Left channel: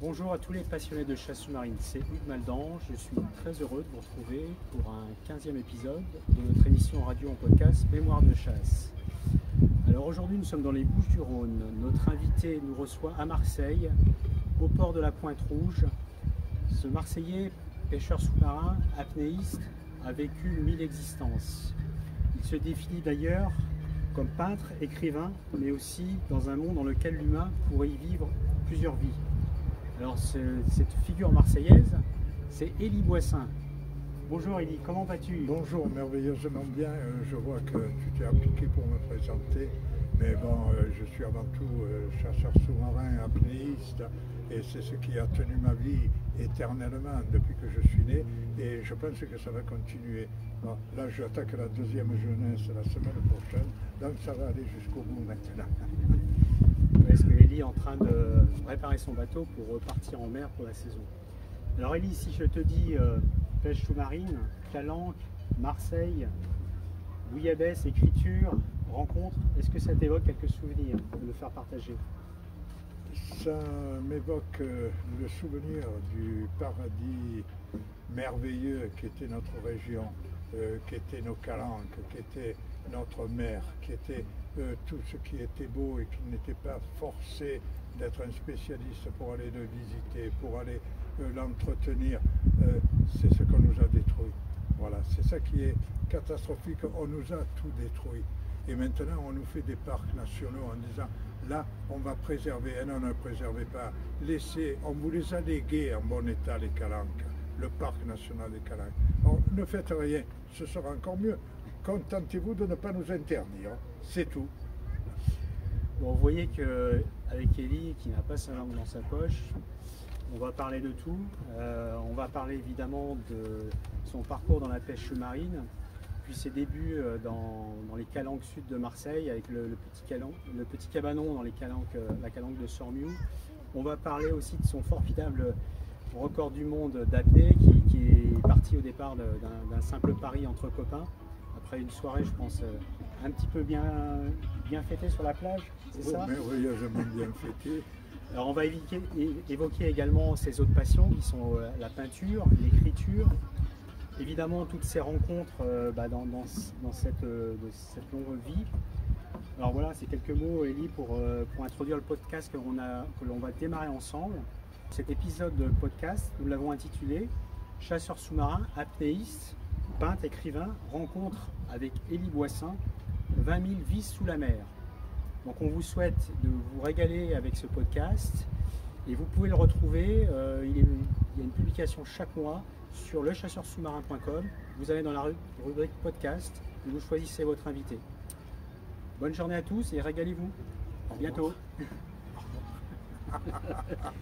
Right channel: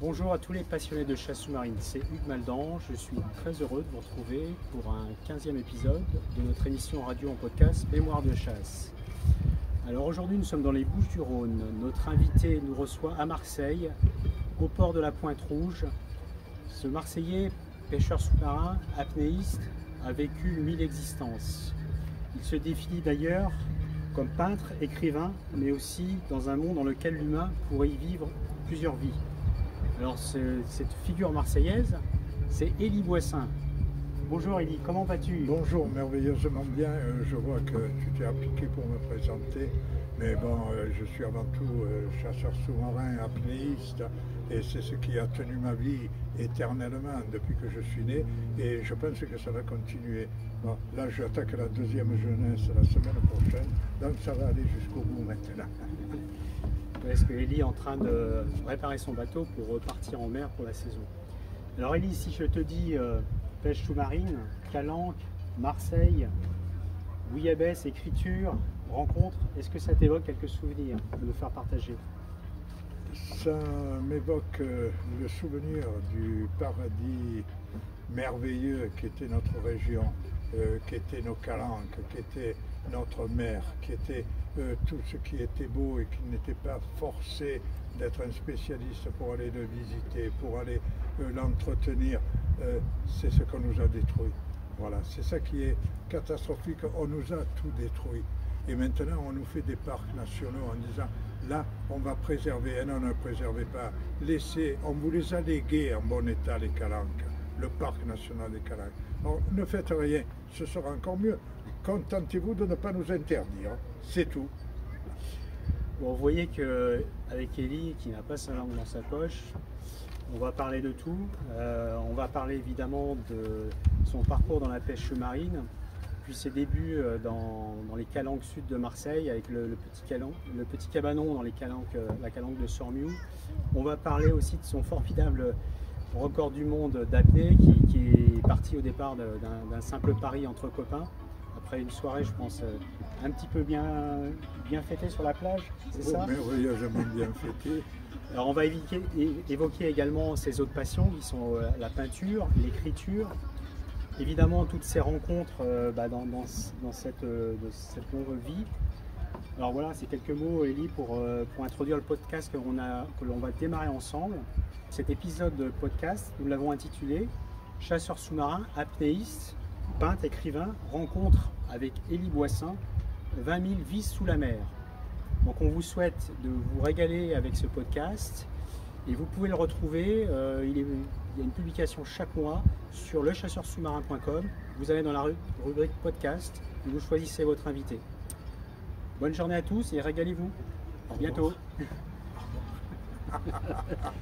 Bonjour à tous les passionnés de chasse sous-marine, c'est Hugues Maldan. Je suis très heureux de vous retrouver pour un 15e épisode de notre émission radio en podcast Mémoire de chasse. Alors aujourd'hui nous sommes dans les Bouches-du-Rhône. Notre invité nous reçoit à Marseille, au port de la Pointe-Rouge. Ce Marseillais, pêcheur sous-marin, apnéiste, a vécu 1000 existences. Il se définit d'ailleurs comme peintre, écrivain, mais aussi dans un monde dans lequel l'humain pourrait y vivre plusieurs vies. Alors cette figure marseillaise, c'est Élie Boissin. Bonjour Élie, comment vas-tu? Bonjour, merveilleusement bien. Je vois que tu t'es appliqué pour me présenter. Mais bon, je suis avant tout chasseur sous-marin, apnéiste. Et c'est ce qui a tenu ma vie éternellement depuis que je suis né. Et je pense que ça va continuer. Bon, là, j'attaque la deuxième jeunesse la semaine prochaine. Donc ça va aller jusqu'au bout maintenant. Parce que Élie est en train de réparer son bateau pour repartir en mer pour la saison. Alors Élie, si je te dis pêche sous-marine, calanque, Marseille, bouillabaisse, écriture, rencontre, est-ce que ça t'évoque quelques souvenirs à nous faire partager? Ça m'évoque le souvenir du paradis merveilleux qu'était notre région, qu'étaient nos calanques, qu'était notre mer, qui était tout ce qui était beau et qui n'était pas forcé d'être un spécialiste pour aller le visiter, pour aller l'entretenir. C'est ce qu'on nous a détruit. Voilà, c'est ça qui est catastrophique. On nous a tout détruit. Et maintenant, on nous fait des parcs nationaux en disant, là, on va préserver. Et non, ne préservez pas. Laissez, on vous les a légués en bon état, les calanques, le parc national des calanques. Alors, ne faites rien, ce sera encore mieux. Contentez-vous de ne pas nous interdire, c'est tout. Bon, vous voyez qu'avec Élie, qui n'a pas sa langue dans sa poche, on va parler de tout. On va parler évidemment de son parcours dans la pêche marine, puis ses débuts dans les calanques sud de Marseille, avec le petit cabanon dans la calanque de Sormiou. On va parler aussi de son formidable record du monde d'apnée, qui est parti au départ d'un simple pari entre copains. Après une soirée, je pense, un petit peu bien fêtée sur la plage, c'est ça? Merveilleusement bien fêtée. Alors on va évoquer également ses autres passions, qui sont la peinture, l'écriture, évidemment toutes ces rencontres dans cette longue vie. Alors voilà, c'est quelques mots, Élie, pour introduire le podcast que l'on va démarrer ensemble. Cet épisode de podcast, nous l'avons intitulé « Chasseur sous-marin, apnéiste, peintre, écrivain, rencontre avec Élie Boissin, 20 000 vies sous la mer ». Donc on vous souhaite de vous régaler avec ce podcast et vous pouvez le retrouver, il y a une publication chaque mois sur lechasseurssous-marin.com. Vous allez dans la rubrique podcast et vous choisissez votre invité. Bonne journée à tous et régalez-vous. À bientôt. Au revoir.